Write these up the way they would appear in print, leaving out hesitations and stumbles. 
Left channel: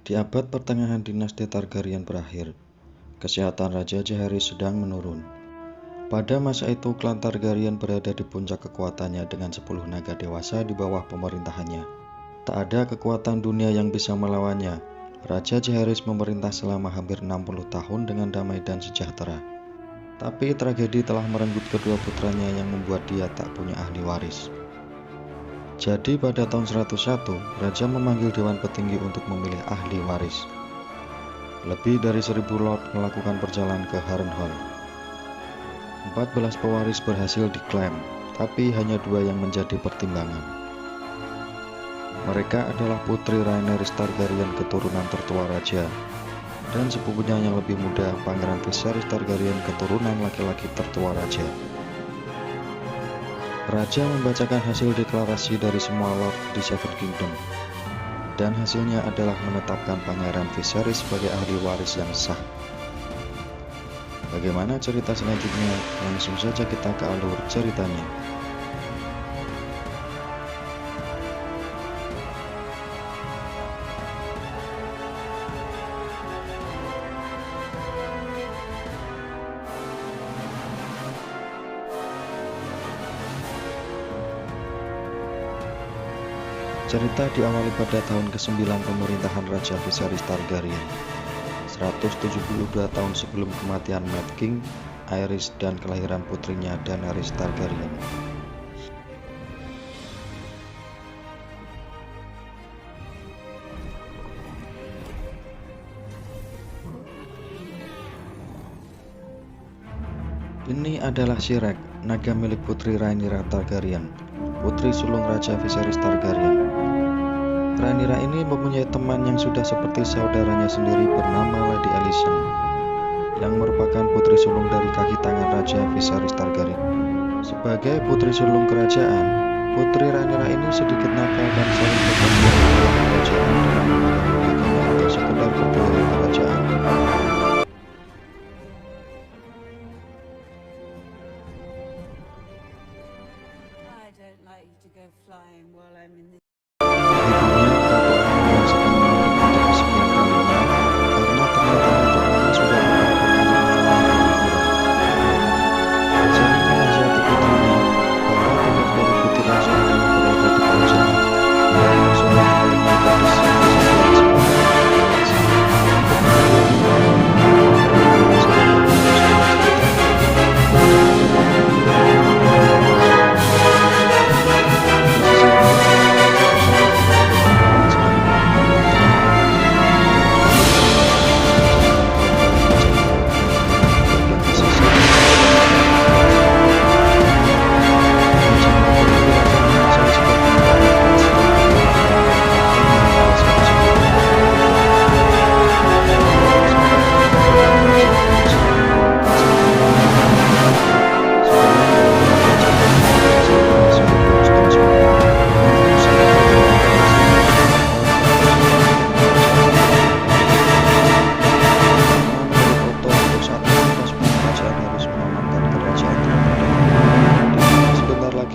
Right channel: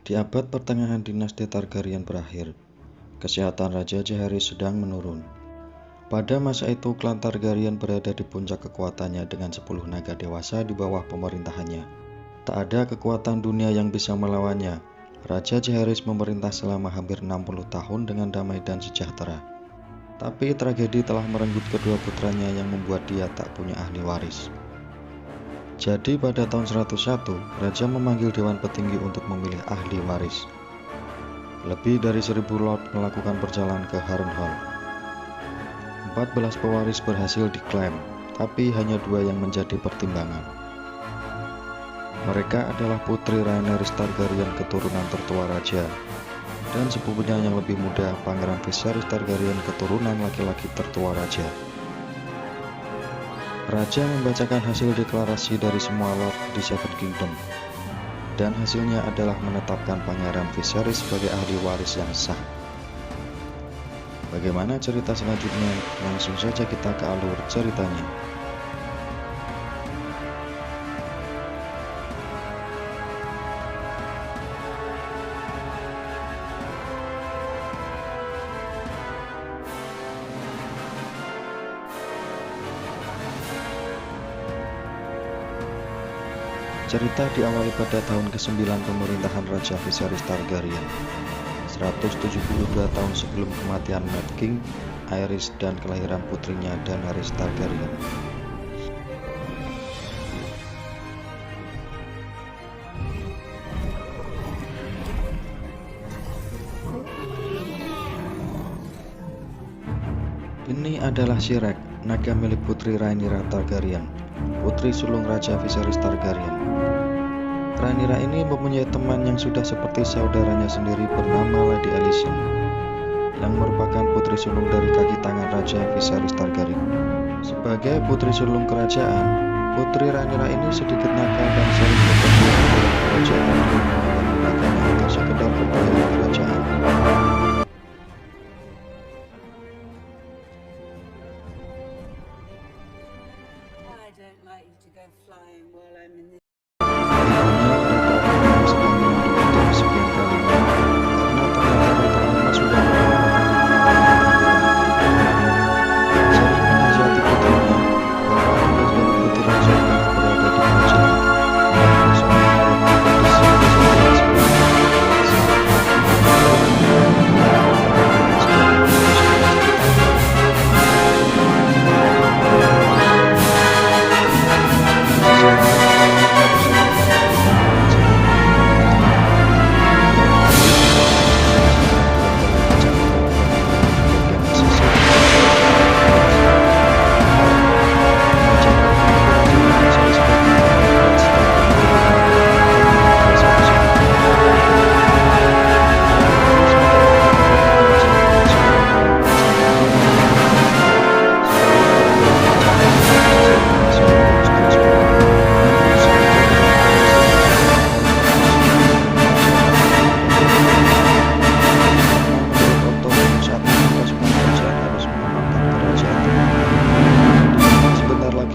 Di abad pertengahan dinasti Targaryen berakhir, kesehatan Raja Jaehaerys sedang menurun. Pada masa itu, klan Targaryen berada di puncak kekuatannya dengan 10 naga dewasa di bawah pemerintahannya. Tak ada kekuatan dunia yang bisa melawannya. Raja Jaehaerys memerintah selama hampir 60 tahun dengan damai dan sejahtera. Tapi tragedi telah merenggut kedua putranya yang membuat dia tak punya ahli waris. Jadi pada tahun 101, Raja memanggil Dewan Petinggi untuk memilih ahli waris. Lebih dari 1000 lord melakukan perjalanan ke Harrenhal. 14 pewaris berhasil diklaim, tapi hanya 2 yang menjadi pertimbangan. Mereka adalah putri Rhaenyra Targaryen keturunan tertua Raja, dan sepupunya yang lebih muda Pangeran Viserys Targaryen keturunan laki-laki tertua Raja. Raja membacakan hasil deklarasi dari semua lord di Seven Kingdom, dan hasilnya adalah menetapkan Pangeran Viserys sebagai ahli waris yang sah. Bagaimana cerita selanjutnya? Langsung saja kita ke alur ceritanya. Cerita diawali pada tahun ke-9 pemerintahan Raja Viserys Targaryen, 172 tahun sebelum kematian Mad King Aerys dan kelahiran putrinya Daenerys Targaryen. Ini adalah Shrek, naga milik putri Rhaenyra Targaryen, putri sulung Raja Viserys Targaryen. Rhaenyra ini mempunyai teman yang sudah seperti saudaranya sendiri bernama Lady Alicent, yang merupakan putri sulung dari kaki tangan Raja Viserys Targaryen. Sebagai putri sulung kerajaan, putri Rhaenyra ini sedikit nakal dan sering berpergian keluar kerajaan dengan memegang naganya untuk sekedar berkeliling kerajaan. Ibunya, Ratu Aemma yang sedang mengandung untuk kesekian kalinya, karena ternyata Ratu Aemma sudah beberapa kali mengalami keguguran. Sering menasihati putrinya bahwa tugas dari putri raja adalah berada di kerajaan dan bersama ayahnya gadis yang kesekian sebagai anak dewasa untuk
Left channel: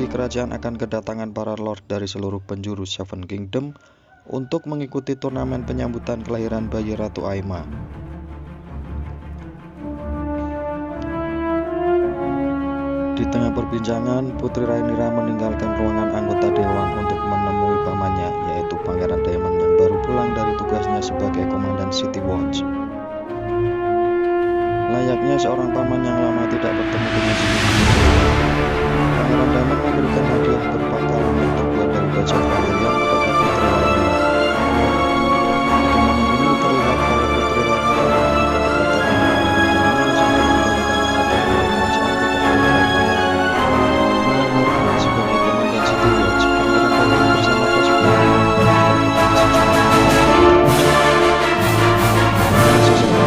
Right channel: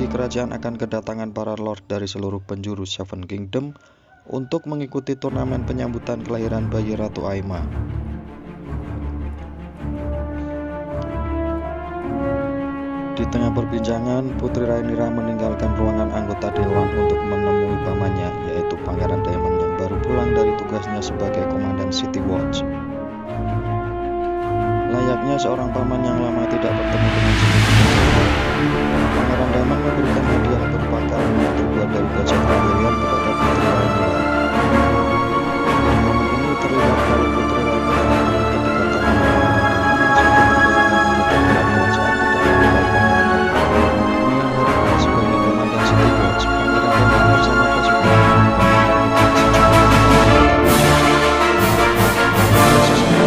kerajaan akan kedatangan para lord dari seluruh penjuru Seven Kingdom untuk mengikuti turnamen penyambutan kelahiran bayi Ratu Aemma. Di tengah perbincangan, Putri Rhaenyra meninggalkan ruangan anggota dewan untuk menemui pamannya, yaitu Pangeran Daemon yang baru pulang dari tugasnya sebagai komandan City Watch. Layaknya seorang paman yang lama tidak bertemu dengan sepupunya, Pangeran Daemon memberikan hadiah berupa kalung yang terbuat dari baja Valyrian kepada Putri Rhaenyra. Di momen ini terlihat kalau Putri Rhaenyra memiliki kedekatan dengan Pangeran Daemon meskipun kebanyakan anggota dewan kerajaan tidak menyukai Pangeran Daemon. Malam harinya sebagai komandan City Watch, Pangeran Daemon bersama pasukannya menerbitkan sejumlah anggota raja. Dan sesuatu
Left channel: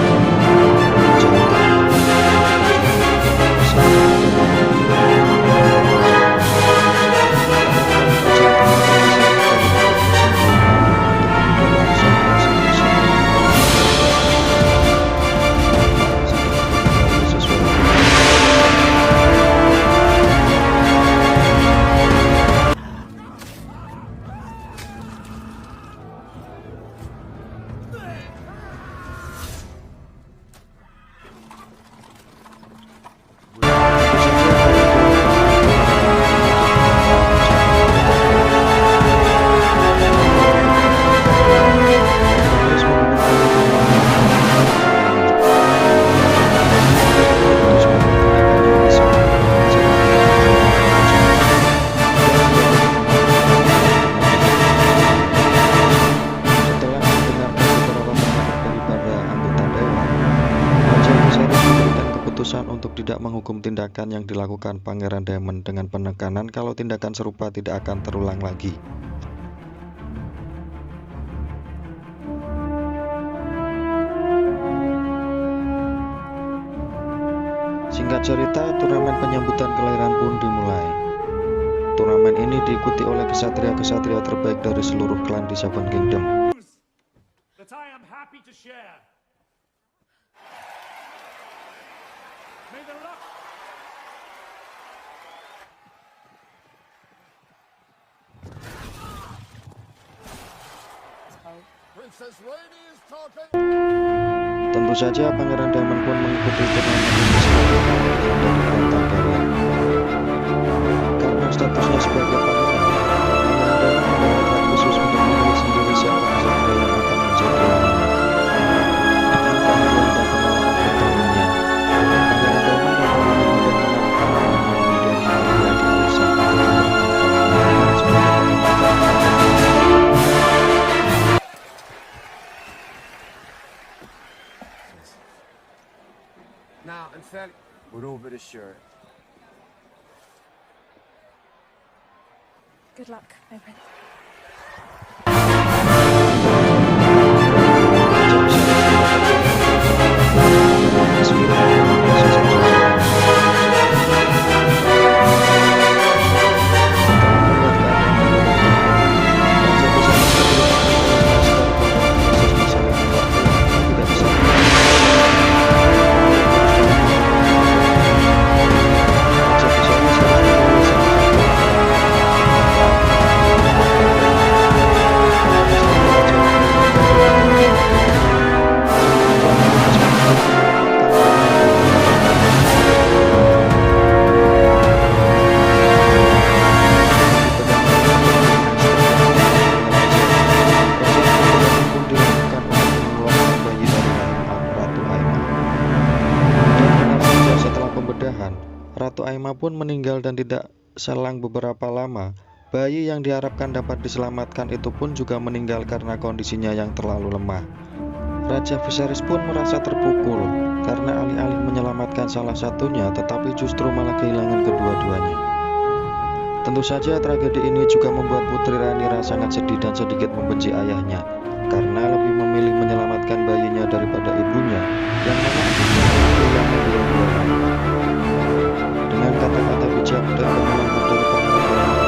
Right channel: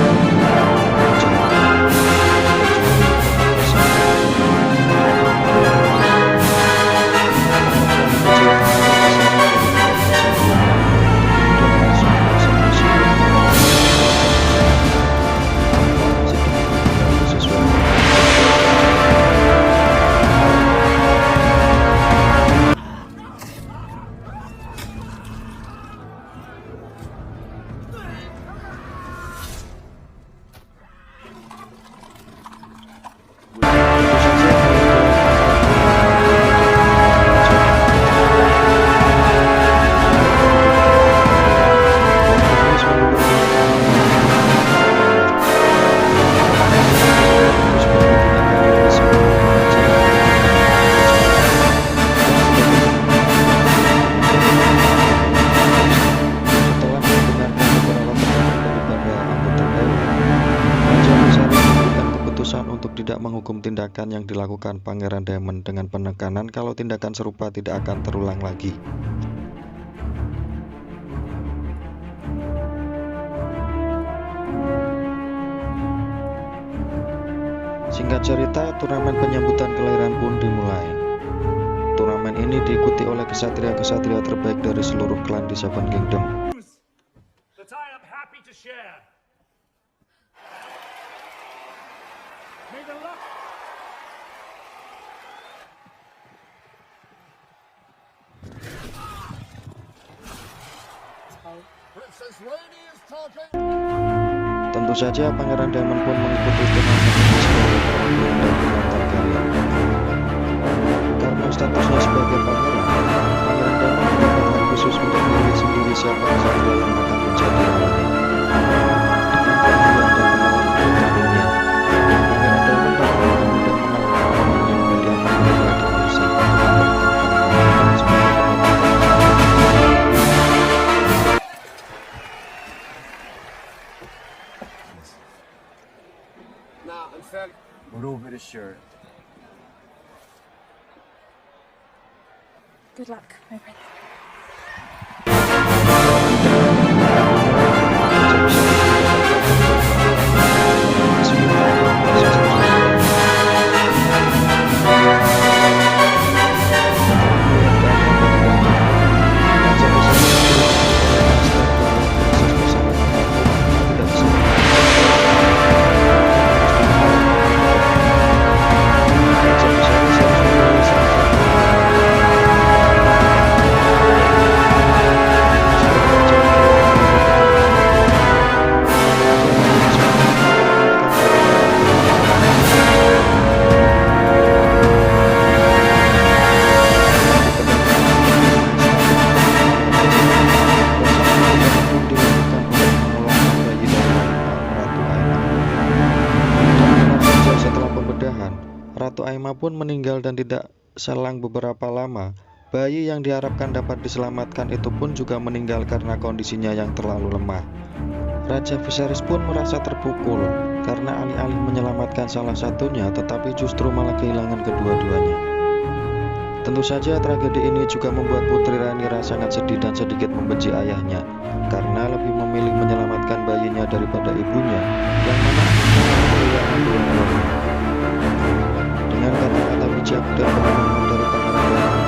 keputusan untuk tidak menghukum tindakan yang dilakukan Pangeran Daemon dengan penekanan kalau tindakan serupa tidak akan terulang lagi. Singkat cerita, turnamen penyambutan kelahiran pun dimulai. Turnamen ini diikuti oleh kesatria-kesatria terbaik dari seluruh klan di Seven Kingdom. That I am happy to share. May the luck. Princess Lady is talking. Tentu saja Pangeran Daemon pun mengikuti turnamen ini sebagai perwakilan dari klan Targaryen. Karena statusnya sebagai pangeran, Pangeran Daemon mendapat hak khusus untuk memilih sendiri siapa kesatria yang akan menjadi lawannya. Dengan keahlian dan pengalaman bertahunnya, Pangeran Daemon dapat dengan mudah mengalahkan lawannya, kemudian memilih Lady Alysanne untuk memberikan pengalaman sebagai pengobatan. Now, in fact, we're over the shirt. Good luck, my prince. Ratu Aemma pun meninggal dan tidak selang beberapa lama, bayi yang diharapkan dapat diselamatkan itu pun juga meninggal karena kondisinya yang terlalu lemah. Raja Viserys pun merasa terpukul karena alih-alih menyelamatkan salah satunya tetapi justru malah kehilangan kedua-duanya. Tentu saja tragedi ini juga membuat Putri Rhaenyra sangat sedih dan sedikit membenci ayahnya karena lebih memilih menyelamatkan bayinya daripada ibunya yang mana akhirnya malah kehilangan dua-duanya. Dengan kata-kata bijak dan kemenangan dari Pangeran Daemon,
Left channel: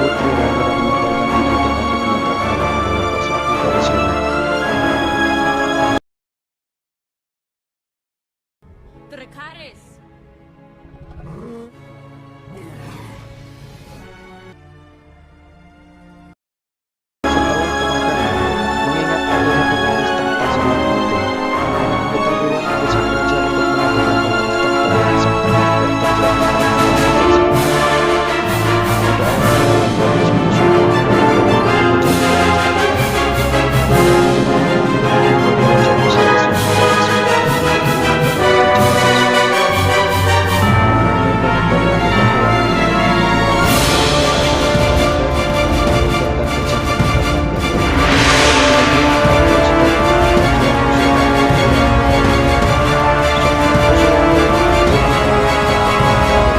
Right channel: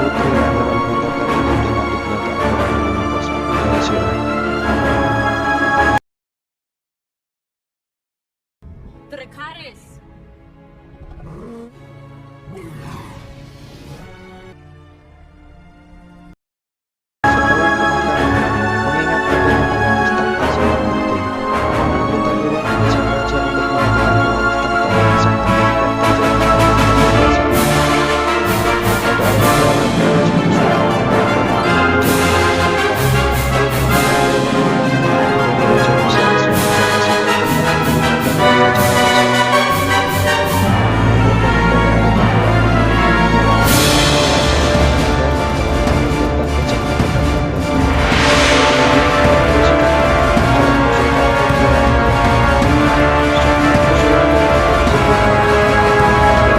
Putri Rhaenyra mengantarkan ibu dan adiknya ke akhirat dengan nafas api dari sirah. Dracarys! Setelah pemakaman, mengingat adanya pewaris tahta sangat penting, para anggota dewan mendesak raja untuk melakukan pewaris tahta yang disangka tidak terjadi pada tahta. Pada awalnya, Viserys mengusulkan Pangeran Daemon untuk menjadi pewaris tahta. Baik Pangeran Daemon dari Raja Viserys yang tidak kasih keturunan dari Raja Viserys. Namun banyak dari anggota dewan yang lainnya menolak dan kejam terhadap rakyat. Kemudian orang bersikap dengan mengusulkan Putri Rhaenyra. Usulan dari tokoh tersebut mendapatkan penolakan dari banyak anggota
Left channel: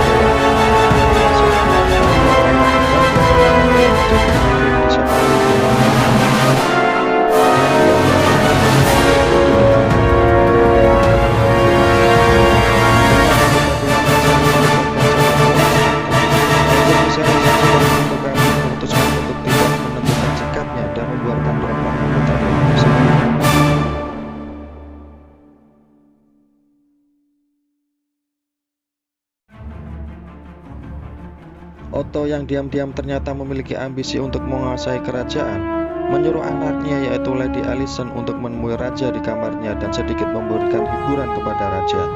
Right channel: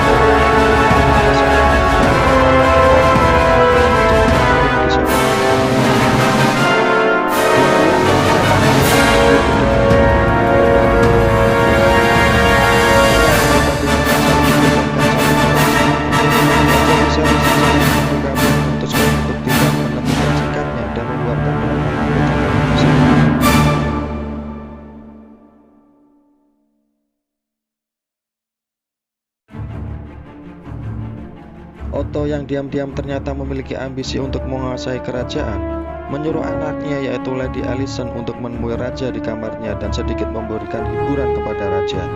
dewan yang merasa bahwa rakyat yang menjadi pemimpin di Seven Kingdom. Diam-diam dan bersama-sama itu didengarkan oleh Pangeran Daemon dan anggota dewan merasa mendapatkan calon pewaris tahta. Raja Viserys yang sedang berkabung memutuskan untuk tidak menentukan sikapnya dan membuarkan keempat anggota dewan tersebut. Otto yang diam-diam ternyata memiliki ambisi untuk menguasai kerajaan, menyuruh anaknya yaitu Lady Alysanne untuk menemui raja di kamarnya dan sedikit memberikan hiburan kepada raja.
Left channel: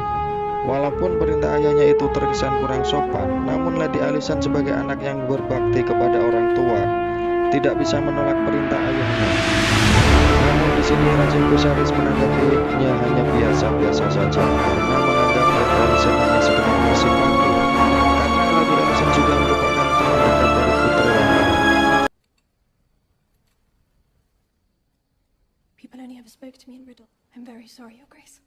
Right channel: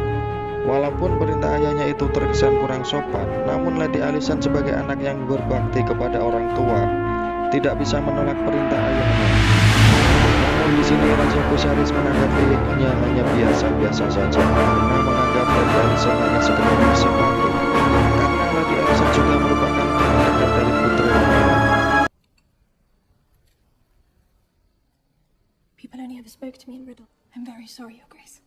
Walaupun perintah ayahnya itu terkesan kurang sopan, namun Lady Alysanne sebagai anak yang berbakti kepada orang tua tidak bisa menolak perintah ayahnya. Namun di sini Raja Viserys menanggapinya hanya biasa-biasa saja karena menganggap Lady Alysanne hanya sekedar bersimpati, karena Lady Alysanne juga merupakan teman dekat dari Putri Rhaenyra. People only ever spoke to me in riddle. I'm very sorry, Your Grace.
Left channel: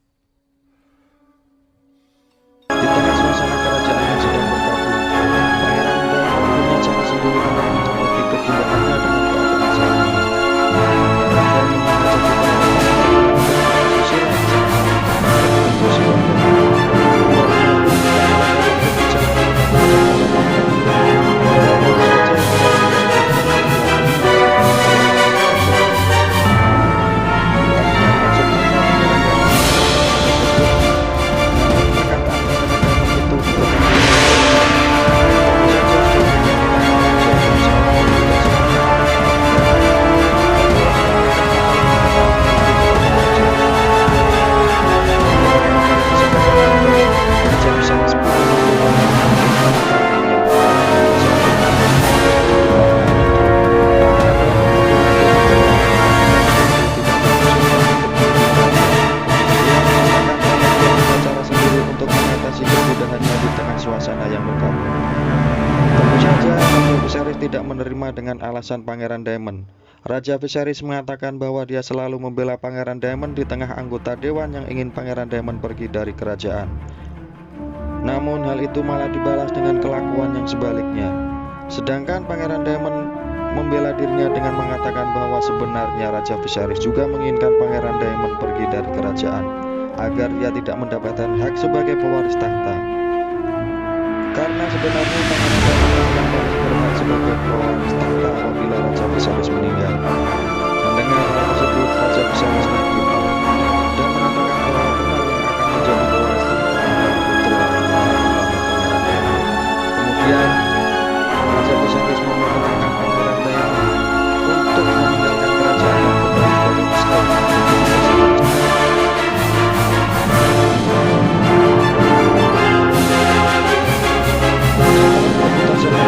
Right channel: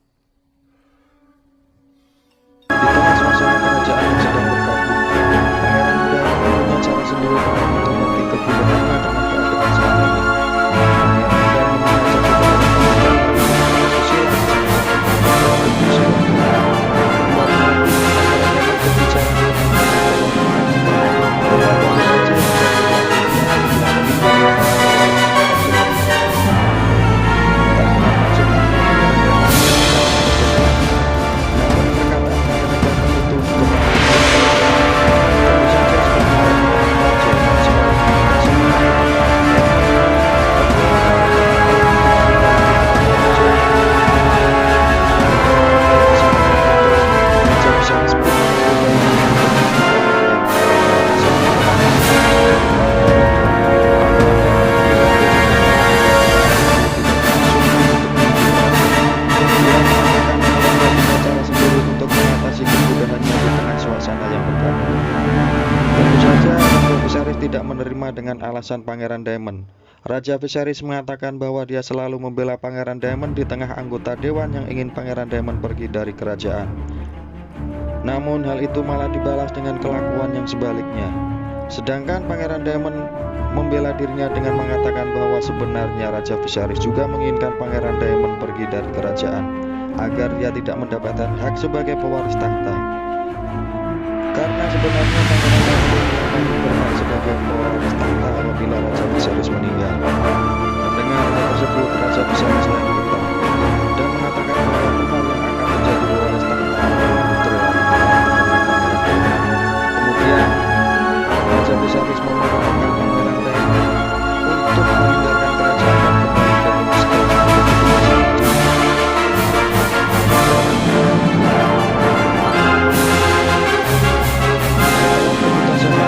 itu dengan menghormati kegundahannya dengan keadaan saat ini. Pangeran Diamond mengajak beberapa tamu susila di salah satu tempat yang tentu silakan. Keluarnya pun Pangeran Diamond berbicara tentang bahwa Bayi Raja yang sudah dilanjutkan meninggal maksud apa Pangeran Diamond tersebut, namun perkataan Pangeran Diamond itu diketahui tentu saja sebagai kehidupan raja dan seorang yang tidak sama Raja Viserys pun mencoba untuk mengatasi kemudahannya di tengah suasana yang berkabut. Tentu saja Raja Viserys tidak menerima dengan alasan Pangeran Daemon. Raja Viserys mengatakan bahwa dia selalu membela Pangeran Daemon di tengah anggota dewan yang ingin Pangeran Daemon pergi dari kerajaan. Namun hal itu malah dibalas dengan kelakuan yang sebaliknya. Sedangkan Pangeran Daemon membela dirinya dengan mengatakan bahwa sebenarnya Raja Viserys juga menginginkan Pangeran Daemon pergi dari kerajaan agar dia tidak mendapatkan hak sebagai pewaris tahta. Karena sebenarnya Pangeran Daemon yang paling berhak sebagai pewaris tahta apabila Raja Viserys meninggal. Mendengar hal tersebut, Raja Viserys naik pitam dan mengatakan bahwa benar yang akan menjadi pewaris tahta adalah putri Rhaenyra bernama Pangeran Daemon. Kemudian Raja Viserys memerintahkan Pangeran Daemon untuk meninggalkan kerajaan dan kembali ke Winterfell untuk bersama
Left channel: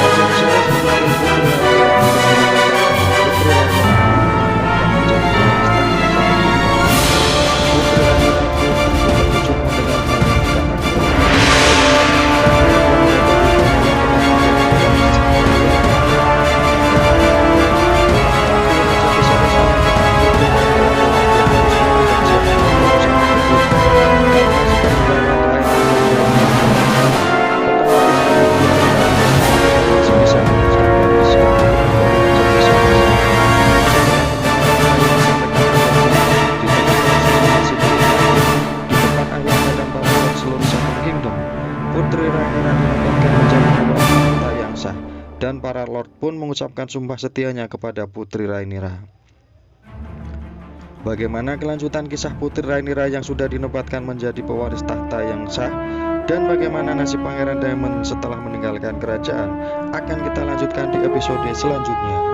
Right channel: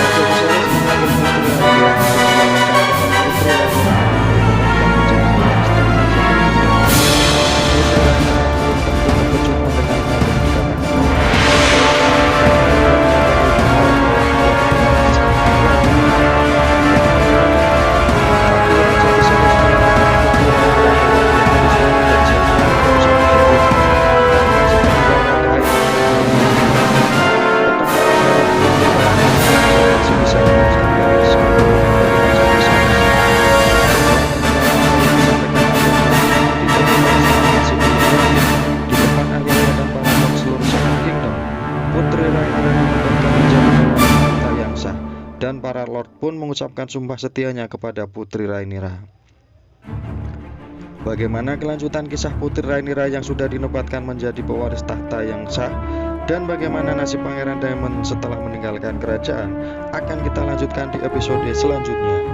Raja Viserys memanggil putri Rhaenyra untuk mengatakan bahwa putri Rhaenyra ditetapkan menjadi pewaris tahta seperti itu. Putri Rhaenyra pun tentu terkejut mendengar hal yang dikatakan oleh tapi Raja Viserys menyatakan putri Rhaenyra bahwa dia harus mau dan siap dengan keputusan tersebut karena sepeninggal Ratu Aemma otomatis hanya putri Rhaenyra masih bisa mengucapkan sebagai dari Raja Viserys. Setelah mendengar apa yang disampaikan ayahnya di tengah perasaan masih belum yakin di depan ayahnya dan para lord seluruh Seven Kingdom, putri Rhaenyra dinobatkan menjadi pewaris tahta yang sah dan para lord pun mengucapkan sumpah setianya kepada putri Rhaenyra. Bagaimana kelanjutan kisah putri Rhaenyra yang sudah dinobatkan menjadi pewaris tahta yang sah dan bagaimana nasib Pangeran Daemon setelah meninggalkan kerajaan akan kita lanjutkan di episode selanjutnya.